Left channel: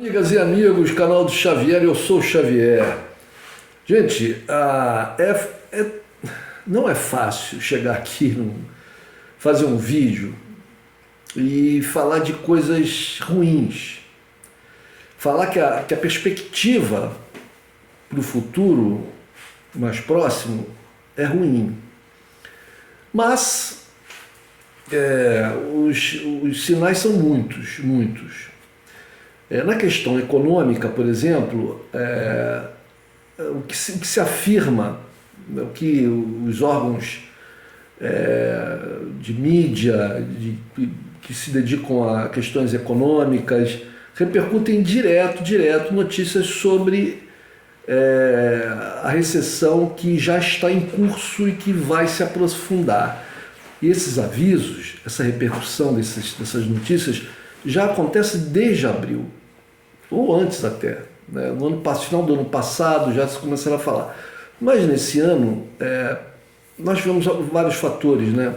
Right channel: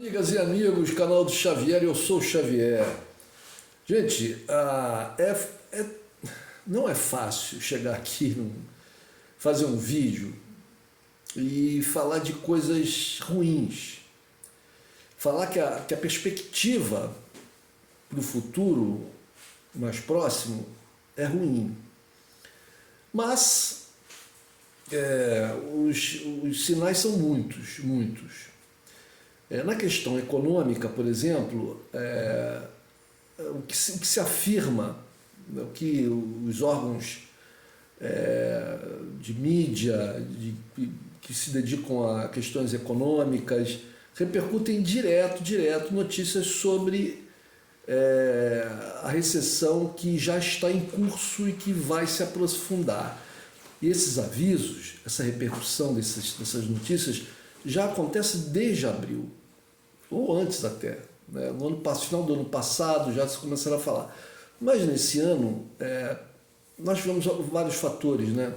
Amigas e amigos, canal do Xavier, eu sou o Xavier. Gente, não é fácil chegar aqui, fazer um vídeo e falar de coisas ruins. Falar que a perspectiva para o futuro mais próximo é ruim. Mas os sinais são muitos. Na questão econômica, por exemplo, o que se afirma, o que os órgãos de mídia que se dedicam a questões econômicas repercutem direto notícias sobre a recessão que já está em curso e que vai se aprofundar. E esses avisos, essa repercussão dessas notícias já acontece desde abril, ou antes até, né? No final do ano passado já se começaram a falar. Mas nesse ano nós tivemos vários fatores, né?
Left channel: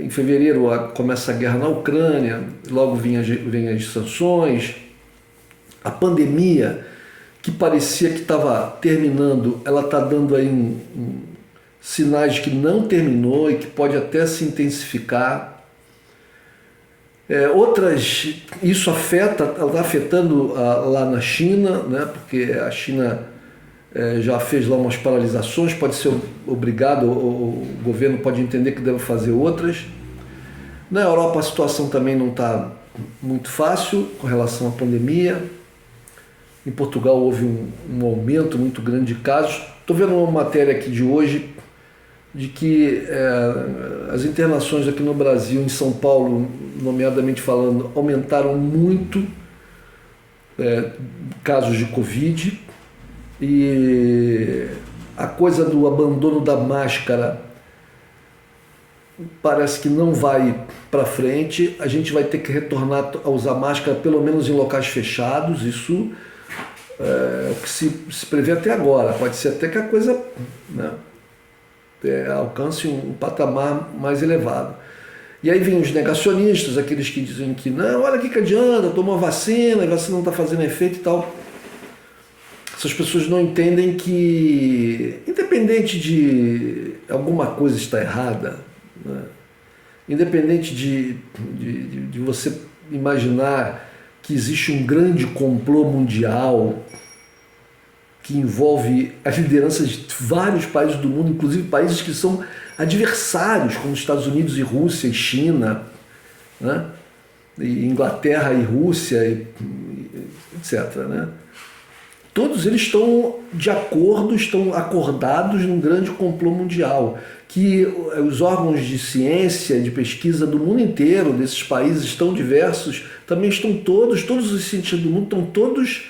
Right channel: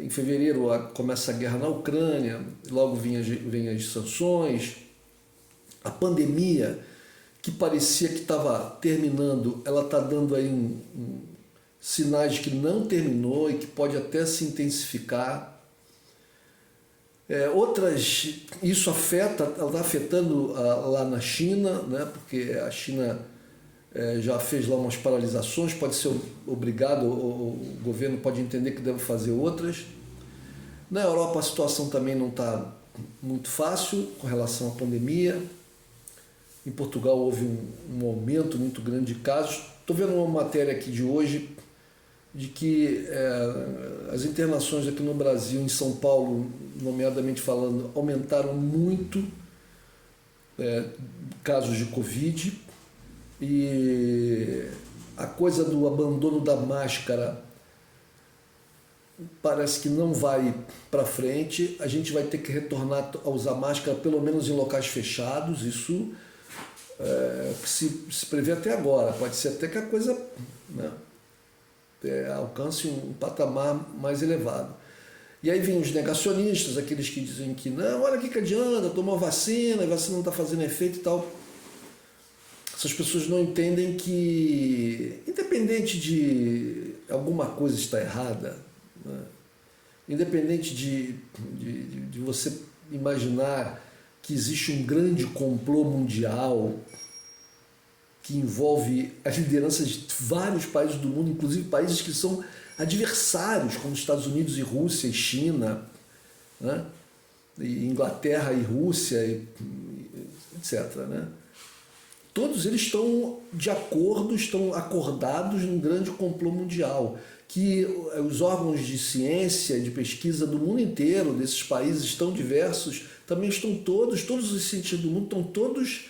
Em fevereiro começa a guerra na Ucrânia, logo vem as sanções, a pandemia que parecia que estava terminando, ela está dando aí sinais de que não terminou e que pode até se intensificar. Isso está afetando lá na China, né? Porque a China já fez lá umas paralisações, pode ser obrigado, o governo pode entender que deve fazer outras. Na Europa a situação também não está muito fácil com relação à pandemia. Em Portugal houve um aumento muito grande de casos. Estou vendo uma matéria aqui de hoje de que as internações aqui no Brasil, em São Paulo, nomeadamente falando, aumentaram muito casos de Covid, e a coisa do abandono da máscara parece que não vai para frente. A gente vai ter que retornar a usar máscara pelo menos em locais fechados. Isso é o que se prevê até agora. Pode ser até que a coisa, né, alcance um patamar mais elevado. E aí vem os negacionistas, aqueles que dizem que não, olha que adianta, tomou a vacina não está fazendo efeito e tal. Essas pessoas não entendem que, independente de alguma coisa estar errada, né, independente de você imaginar que existe um grande complô mundial que envolve a liderança de vários países do mundo, inclusive países que são adversários, como Estados Unidos e Rússia e China, né? E Inglaterra e Rússia, etc., né? Todos eles estão de acordo, estão acordados num grande complô mundial, que os órgãos de ciência, de pesquisa do mundo inteiro, desses países tão diversos, também estão todos os cientistas do mundo estão todos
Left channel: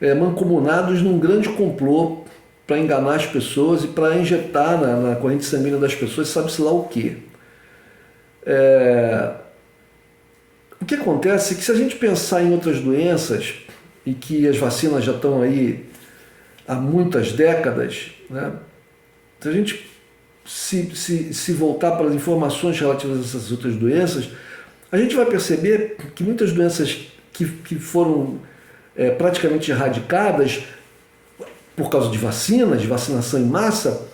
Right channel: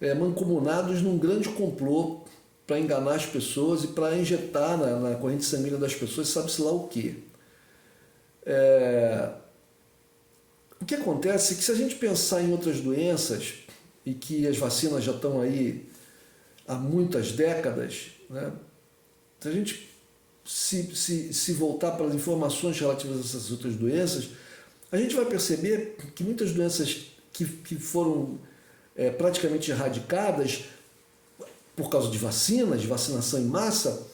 mancomunados num grande complô para enganar as pessoas e para injetar na corrente sanguínea das pessoas, sabe-se lá o quê. O que acontece é que, se a gente pensar em outras doenças, e que as vacinas já estão aí há muitas décadas, né? Se a gente se voltar para as informações relativas a essas outras doenças, a gente vai perceber que muitas doenças que foram praticamente erradicadas por causa de vacinas, de vacinação em massa,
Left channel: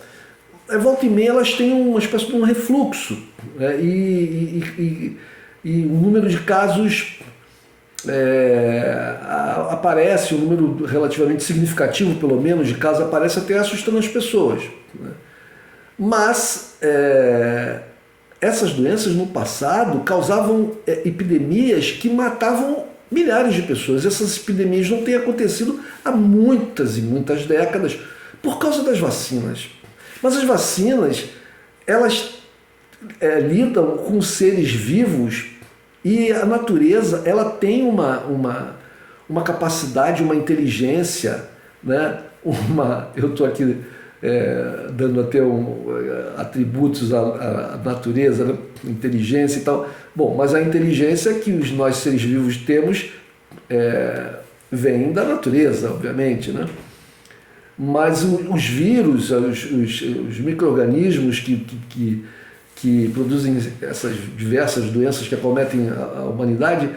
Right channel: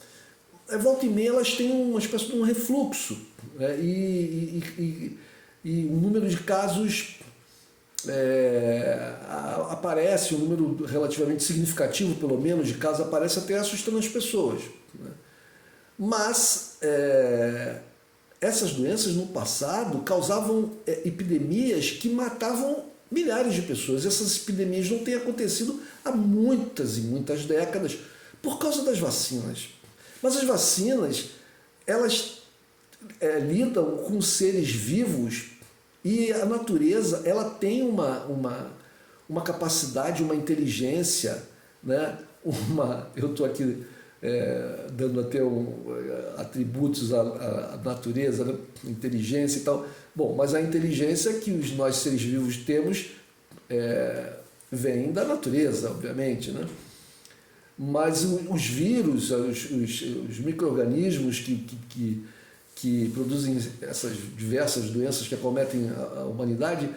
volta e meia elas têm uma espécie de um refluxo, né? E o número de casos aparece, um número relativamente significativo, pelo menos, de casos aparece até assustando as pessoas, né? Mas essas doenças no passado causavam epidemias que matavam milhares de pessoas. Essas epidemias não têm acontecido há muitas e muitas décadas por causa das vacinas. Mas as vacinas, elas lidam com seres vivos, e a natureza, ela tem uma capacidade, uma inteligência, né? Eu estou aqui dando até atributos à natureza, né? Inteligência e tal. Bom, mas a inteligência que nós seres vivos temos vem da natureza, obviamente, né? Mas os vírus, os micro-organismos que produzem essas diversas doenças que acometem a humanidade,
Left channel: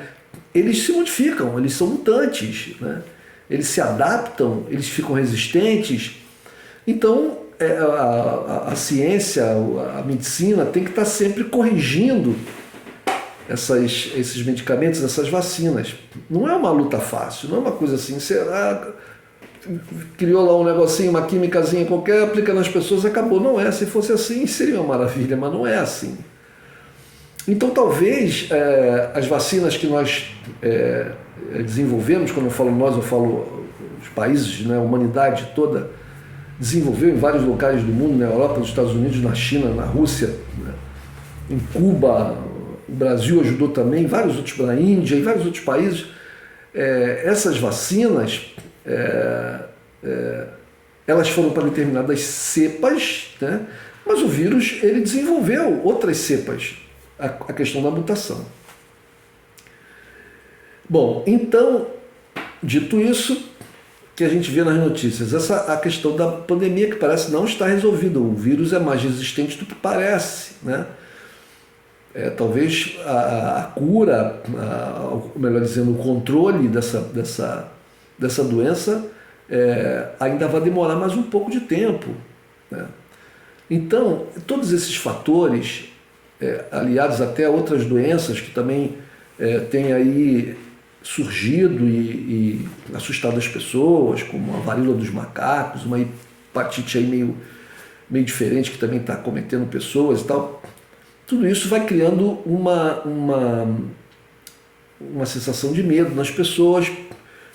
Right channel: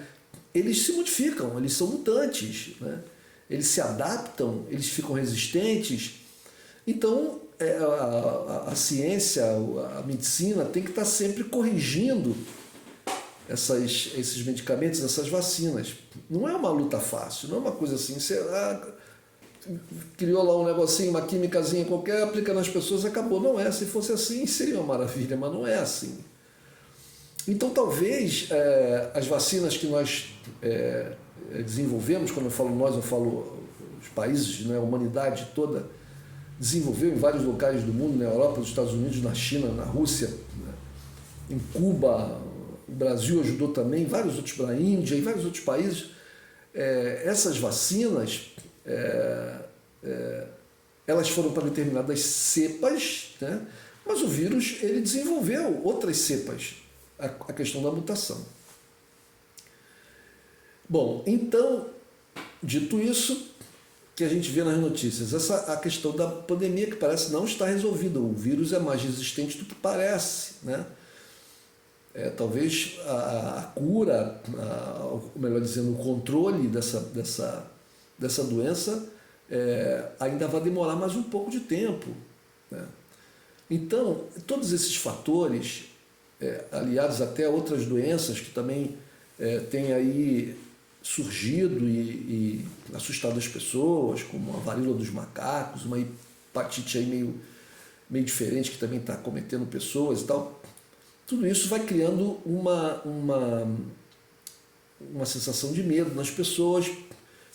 eles se modificam, eles são mutantes, né? Eles se adaptam, eles ficam resistentes. Então, a ciência, a medicina tem que estar sempre corrigindo esses medicamentos, essas vacinas. Não é uma luta fácil, não é uma coisa assim, você criou lá um negocinho, uma químicazinha qualquer, aplica nas pessoas, acabou. Não é, se fosse assim seria uma maravilha, mas não é assim. Então talvez as vacinas que nós desenvolvemos, quando eu falo nós, eu falo os países, né, a humanidade toda desenvolveu em vários locais do mundo, na Europa, nos Estados Unidos, na China, na Rússia, né, em Cuba, o Brasil ajudou também, vários outros, na Índia e vários outros países. Essas vacinas, elas foram para determinadas cepas, né, mas o vírus ele desenvolveu outras cepas, a questão da mutação. Bom, então, dito isso, que a gente vê nas notícias, a questão da pandemia que parece não estar resolvida. O vírus é mais resistente do que parece, né? Talvez a cura, melhor dizendo, o controle dessa doença ainda vai demorar mais um pouco de tempo, né? Então, todos esses fatores, aliados até a outras doenças que também têm aí surgido e assustado as pessoas, como a varíola dos macacos, uma hepatite aí meio diferente que também está acometendo pessoas e tal. Tudo isso vai criando uma sensação de medo nas pessoas,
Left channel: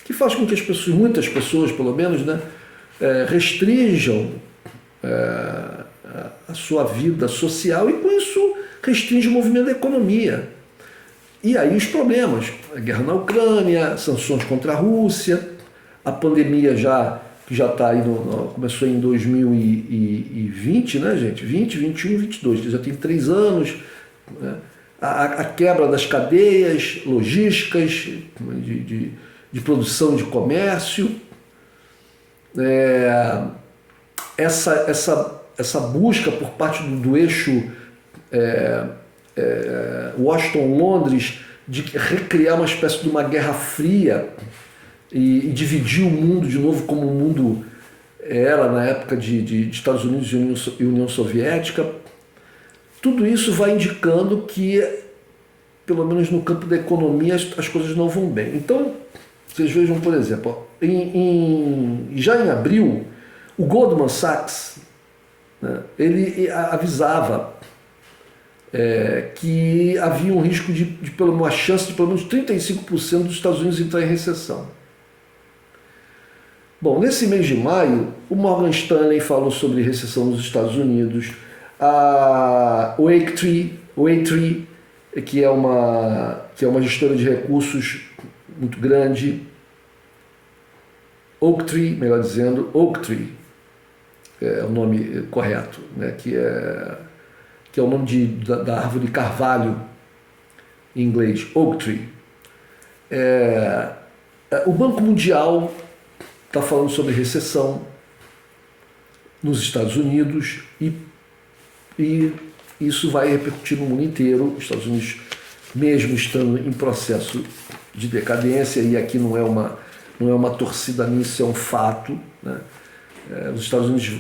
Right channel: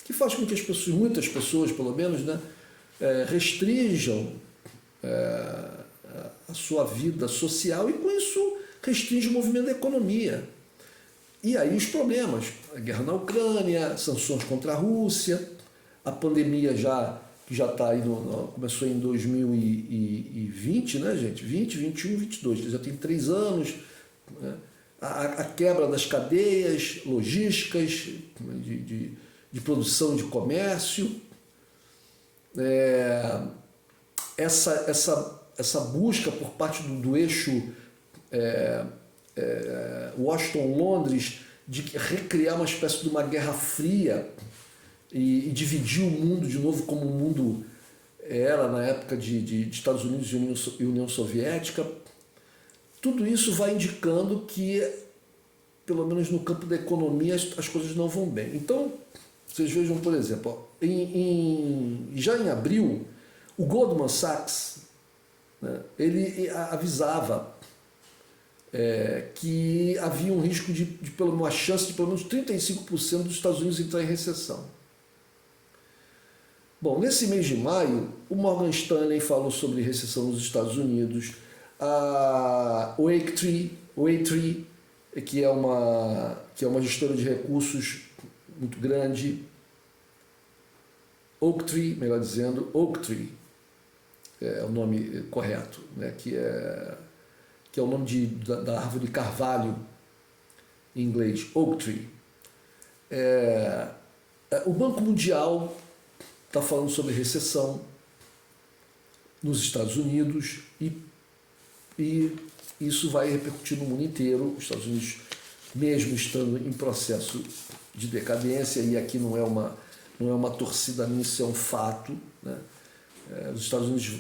que faz com que as pessoas, muitas pessoas pelo menos, né, restringam a sua vida social e com isso restringe o movimento da economia. E aí os problemas, a guerra na Ucrânia, sanções contra a Rússia, a pandemia que já está aí, começou em 2020, né, gente? 20, 21, 22, que já tem 3 anos. Né? A quebra das cadeias logísticas, de produção, de comércio. Essa busca por parte do eixo Washington-Londres de recriar uma espécie de uma guerra fria e dividir o mundo de novo como o mundo era na época de Estados Unidos e União Soviética. Tudo isso vai indicando que, pelo menos no campo da economia, as coisas não vão bem. Então, vocês vejam, por exemplo, já em abril, o Goldman Sachs, né, ele avisava que havia um risco uma chance de pelo menos 35% dos Estados Unidos entrar em recessão. Bom, nesse mês de maio, o Morgan Stanley falou sobre recessão nos Estados Unidos, a Oaktree, que é uma gestora de recursos muito grande, Oaktree, melhor dizendo, Oaktree é o nome correto, né, que é o nome da árvore carvalho em inglês, Oaktree. O Banco Mundial está falando sobre recessão nos Estados Unidos e isso vai repercutir no mundo inteiro. Os Estados Unidos, mesmo estando em processo de decadência, e aqui não é uma torcida minha, isso é um fato, né? Os Estados Unidos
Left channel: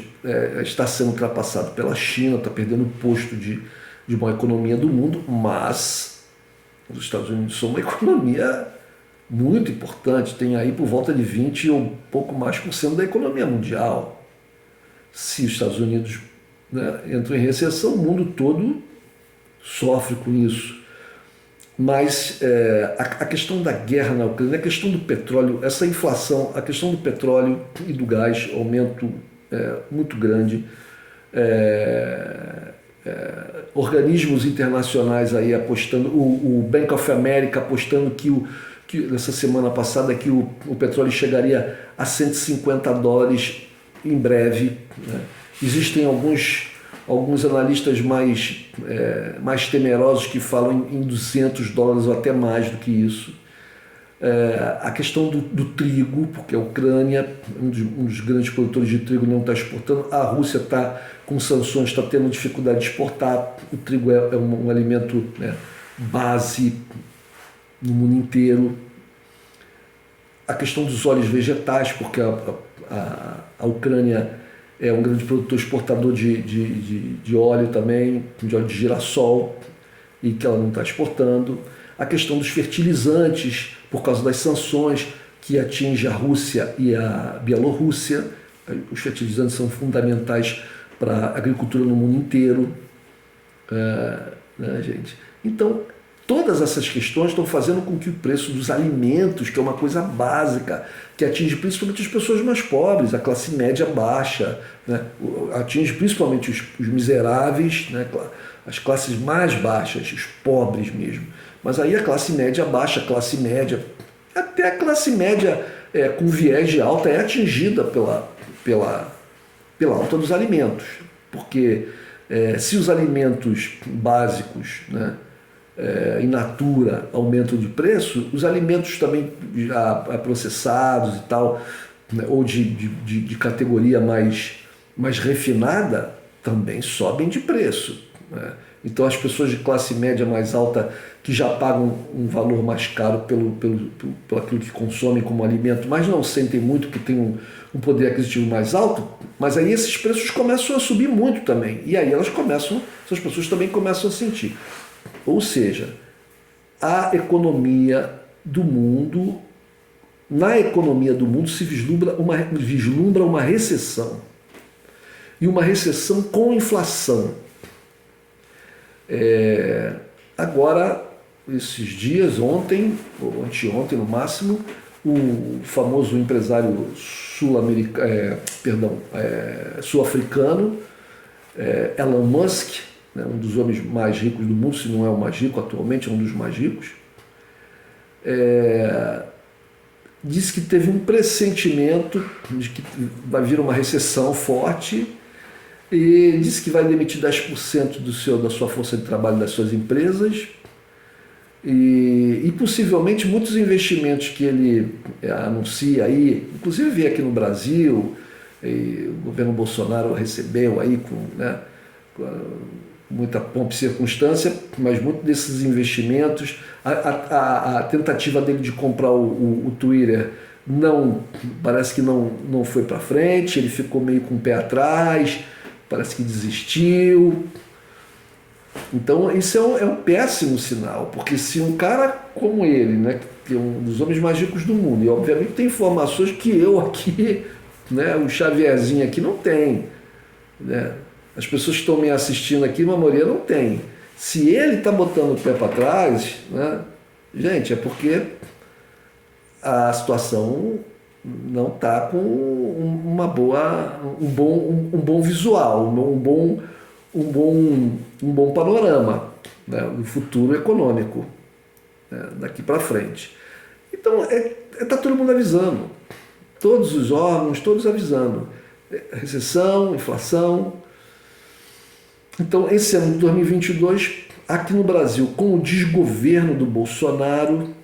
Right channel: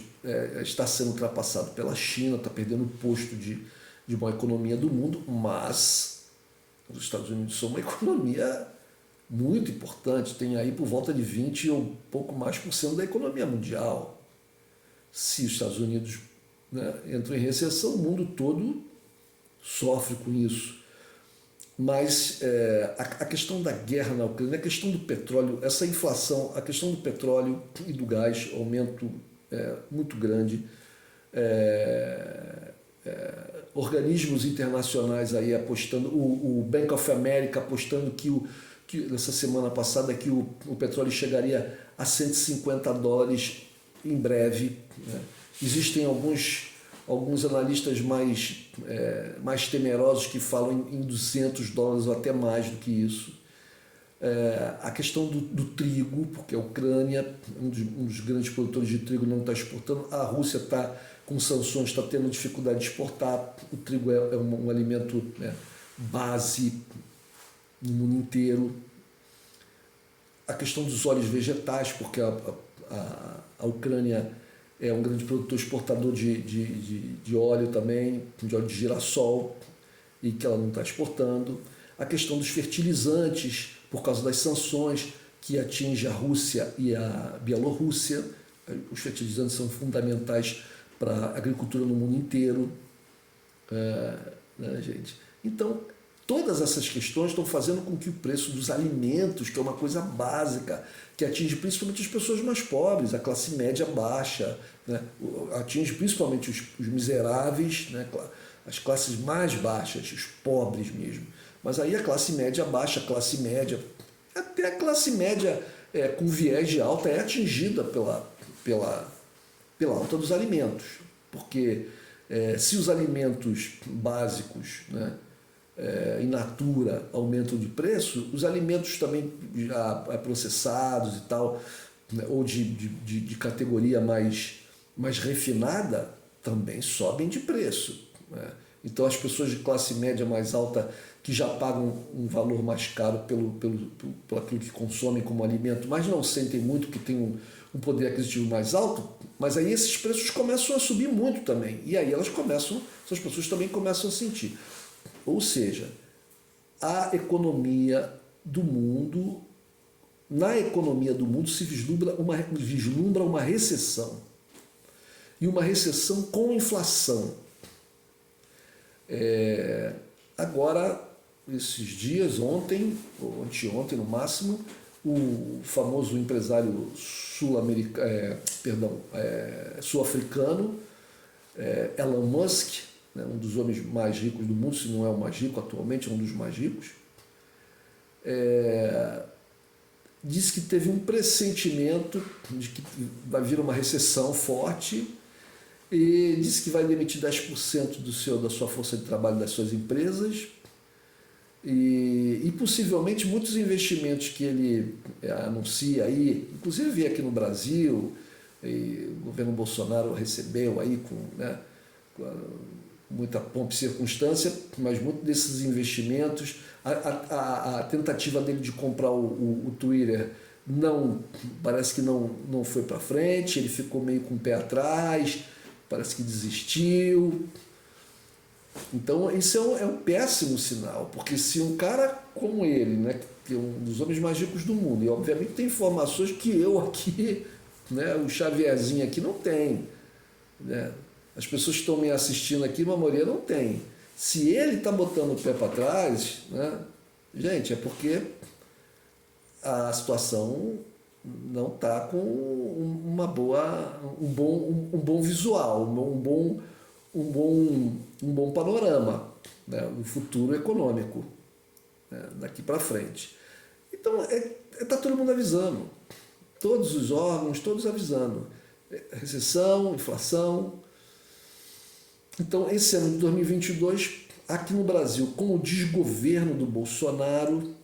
está sendo ultrapassado pela China, está perdendo o posto de maior economia do mundo, mas os Estados Unidos são uma economia muito importante, tem aí por volta de 20 ou pouco mais por cento da economia mundial. Se os Estados Unidos, né, entram em recessão, o mundo todo sofre com isso. Mas a questão da guerra na Ucrânia, a questão do petróleo, essa inflação, a questão do petróleo e do gás, aumento muito grande, organismos internacionais aí apostando, o Bank of America apostando que nessa semana passada que o petróleo chegaria a $150 em breve, né? Existem alguns analistas mais temerosos que falam em $200 ou até mais do que isso. A questão do trigo, porque a Ucrânia, um dos grandes produtores de trigo, não está exportando. A Rússia está com sanções, está tendo dificuldade de exportar. O trigo é um alimento, né, base no mundo inteiro. A questão dos óleos vegetais, porque a Ucrânia é um grande produtor exportador de óleo também, de óleo de girassol, e que ela não está exportando. A questão dos fertilizantes, por causa das sanções que atinge a Rússia e a Bielorrússia. Os fertilizantes são fundamentais para a agricultura no mundo inteiro. Né, gente? Então, todas essas questões estão fazendo com que o preço dos alimentos, que é uma coisa básica, que atinge principalmente as pessoas mais pobres, a classe média baixa, né? Atinge principalmente os miseráveis, né? As classes mais baixas, os pobres mesmo. Mas aí a classe média baixa, a classe média, até a classe média com viés de alta é atingida pela alta dos alimentos. Porque se os alimentos básicos, né, in natura aumentam de preço, os alimentos também já processados e tal, né, ou de categoria mais refinada, também sobem de preço. Né? Então as pessoas de classe média mais alta que já pagam um valor mais caro pelo aquilo que consomem como alimento, mas não sentem muito, que tem um poder aquisitivo mais alto, mas aí esses preços começam a subir muito também. E aí essas pessoas também começam a sentir. Ou seja, na economia do mundo se vislumbra uma recessão. E uma recessão com inflação. Agora, esses dias, ontem, ou anteontem no máximo, o famoso empresário sul-africano, Elon Musk, né, um dos homens mais ricos do mundo, se não é o mais rico atualmente, é um dos mais ricos, disse que teve um pressentimento de que vai vir uma recessão forte e disse que vai demitir 10% da sua força de trabalho das suas empresas e possivelmente muitos investimentos que ele anuncia aí, inclusive veio aqui no Brasil, o governo Bolsonaro recebeu aí com muita pompa e circunstância, mas muitos desses investimentos, a tentativa dele de comprar o Twitter parece que não foi para frente, ele ficou meio com o pé atrás, parece que desistiu. Então isso é um péssimo sinal, porque se um cara como ele, né, que é um dos homens mais ricos do mundo, e obviamente tem informações que eu aqui, né, o Xavierzinho aqui não tem, né? As pessoas que estão me assistindo aqui, a maioria não tem. Se ele está botando o pé para trás, né, gente, é porque a situação não está com um bom visual, um bom panorama, né, do futuro econômico, né, daqui para frente. Então, está todo mundo avisando, todos os órgãos, todos avisando. Recessão, inflação. Então, esse ano de 2022, aqui no Brasil, com o desgoverno do Bolsonaro,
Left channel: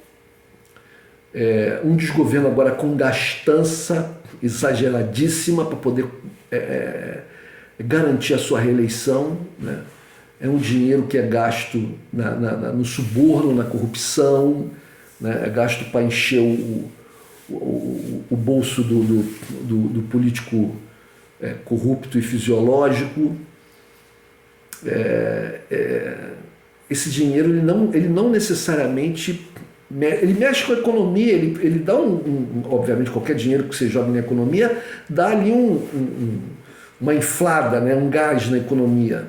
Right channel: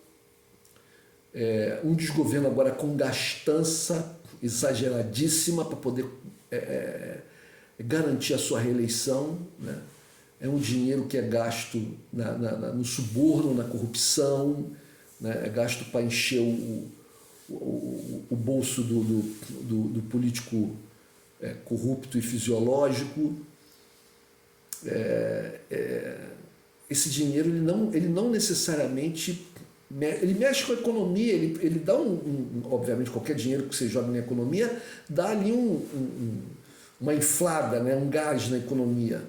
um desgoverno agora com gastança exageradíssima para poder garantir a sua reeleição, né? É um dinheiro que é gasto no suborno, na corrupção, né? É gasto para encher o bolso do político corrupto e fisiológico. Esse dinheiro ele não necessariamente ele mexe com a economia, ele dá obviamente qualquer dinheiro que você joga na economia dá ali uma inflada, né, um gás na economia,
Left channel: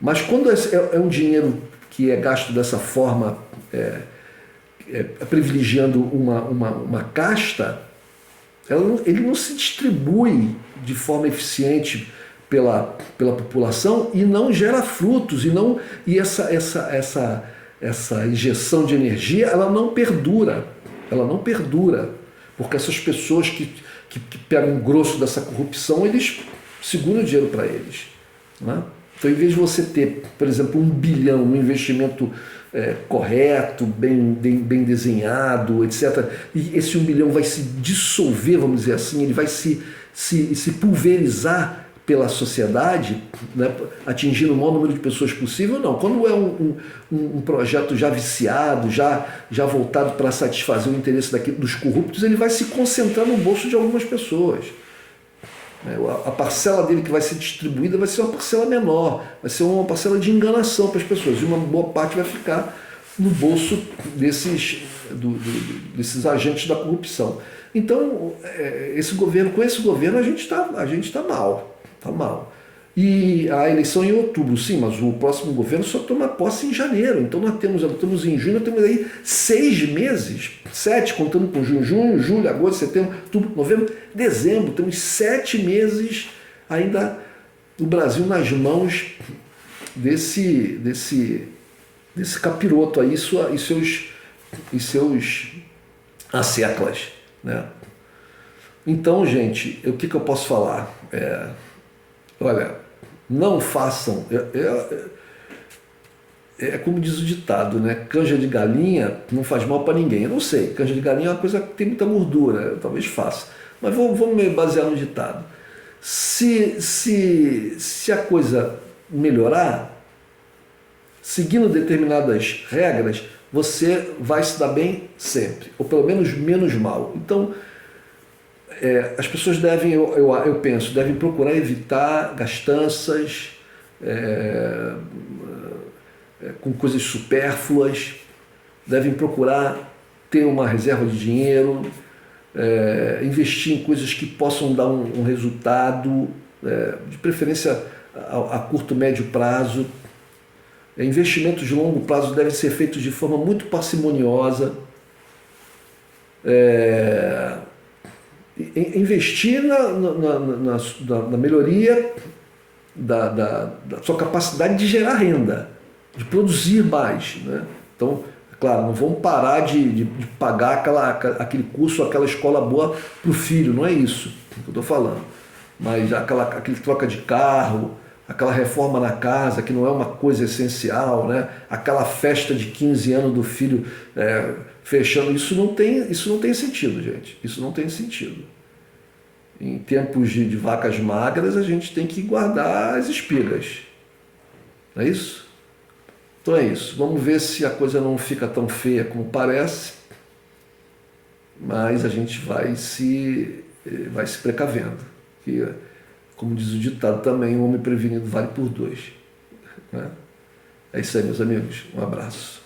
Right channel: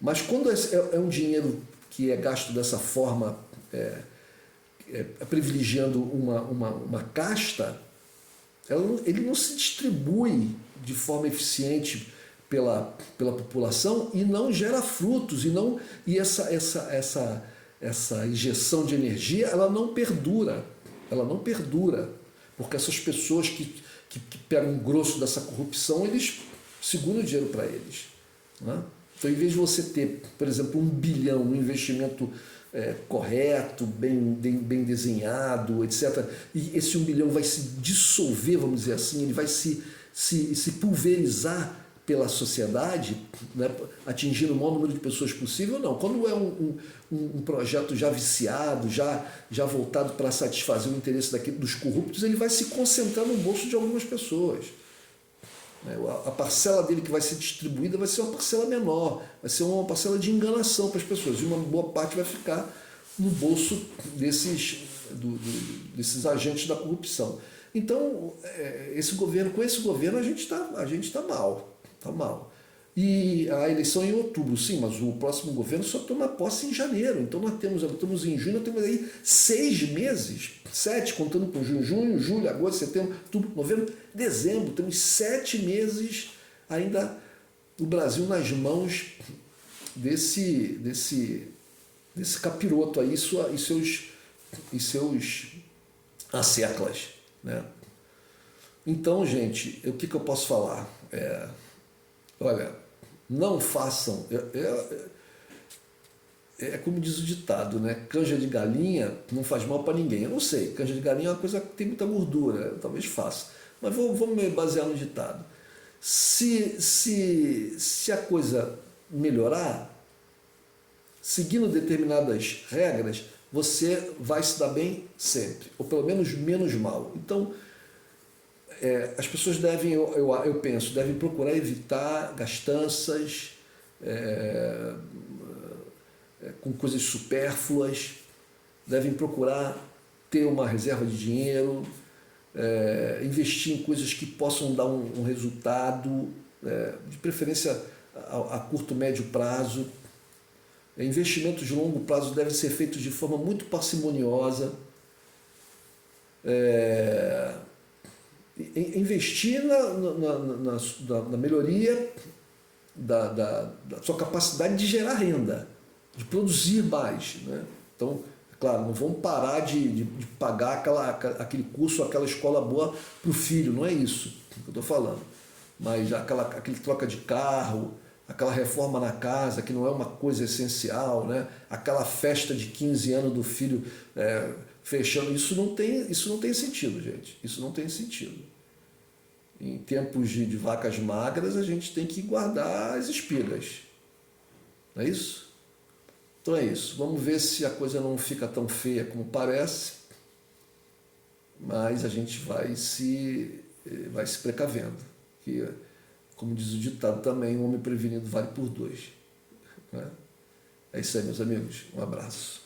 mas quando é um dinheiro que é gasto dessa forma, privilegiando uma casta, ele não se distribui de forma eficiente pela população e não gera frutos, e essa injeção de energia ela não perdura, porque essas pessoas que pegam o grosso dessa corrupção, eles seguram o dinheiro para eles, né? Então, em vez de você ter, por exemplo, 1 bilhão, um investimento correto, bem desenhado, etc., e esse 1 bilhão vai se dissolver, vamos dizer assim, ele vai se pulverizar pela sociedade, né, atingindo o maior número de pessoas possível, não. Quando é um projeto já viciado, já voltado para satisfazer o interesse dos corruptos, ele vai se concentrar no bolso de algumas pessoas. A parcela dele que vai ser distribuída vai ser uma parcela menor, vai ser uma parcela de enganação para as pessoas, e uma boa parte vai ficar no bolso desses agentes da corrupção. Então, com esse governo a gente tá mal, tá mal. E a eleição é em outubro, sim, mas o próximo governo só toma posse em janeiro. Então nós estamos em junho, nós temos aí 6 meses, 7, contando com junho, julho, agosto, setembro, outubro, novembro, dezembro. Temos 7 meses ainda o Brasil nas mãos desse capiroto aí e seus asseclas, né? Então, gente, o que eu posso falar? Olha, não façam. É como diz o ditado, né? Canja de galinha não faz mal para ninguém. Eu não sei, canja de galinha é uma coisa que tem muita gordura, talvez faça. Mas vamos me basear no ditado. Se a coisa melhorar, seguindo determinadas regras, você vai se dar bem sempre, ou pelo menos menos mal. Então, as pessoas devem, eu penso, devem procurar evitar gastanças com coisas supérfluas, devem procurar ter uma reserva de dinheiro, investir em coisas que possam dar um resultado, de preferência a curto, médio prazo. Investimentos de longo prazo devem ser feitos de forma muito parcimoniosa. Investir na melhoria da sua capacidade de gerar renda, de produzir mais, né? Então, claro, não vamos parar de pagar aquele curso, aquela escola boa para o filho, não é isso que eu estou falando. Mas aquele troca de carro, aquela reforma na casa, que não é uma coisa essencial, né? Aquela festa de 15 anos do filho fechando, isso não tem sentido, gente. Isso não tem sentido. Em tempos de vacas magras, a gente tem que guardar as espigas. Não é isso? Então é isso. Vamos ver se a coisa não fica tão feia como parece, mas a gente vai se precavendo. Que, como diz o ditado também, o homem prevenido vale por 2. Né? É isso aí, meus amigos. Um abraço.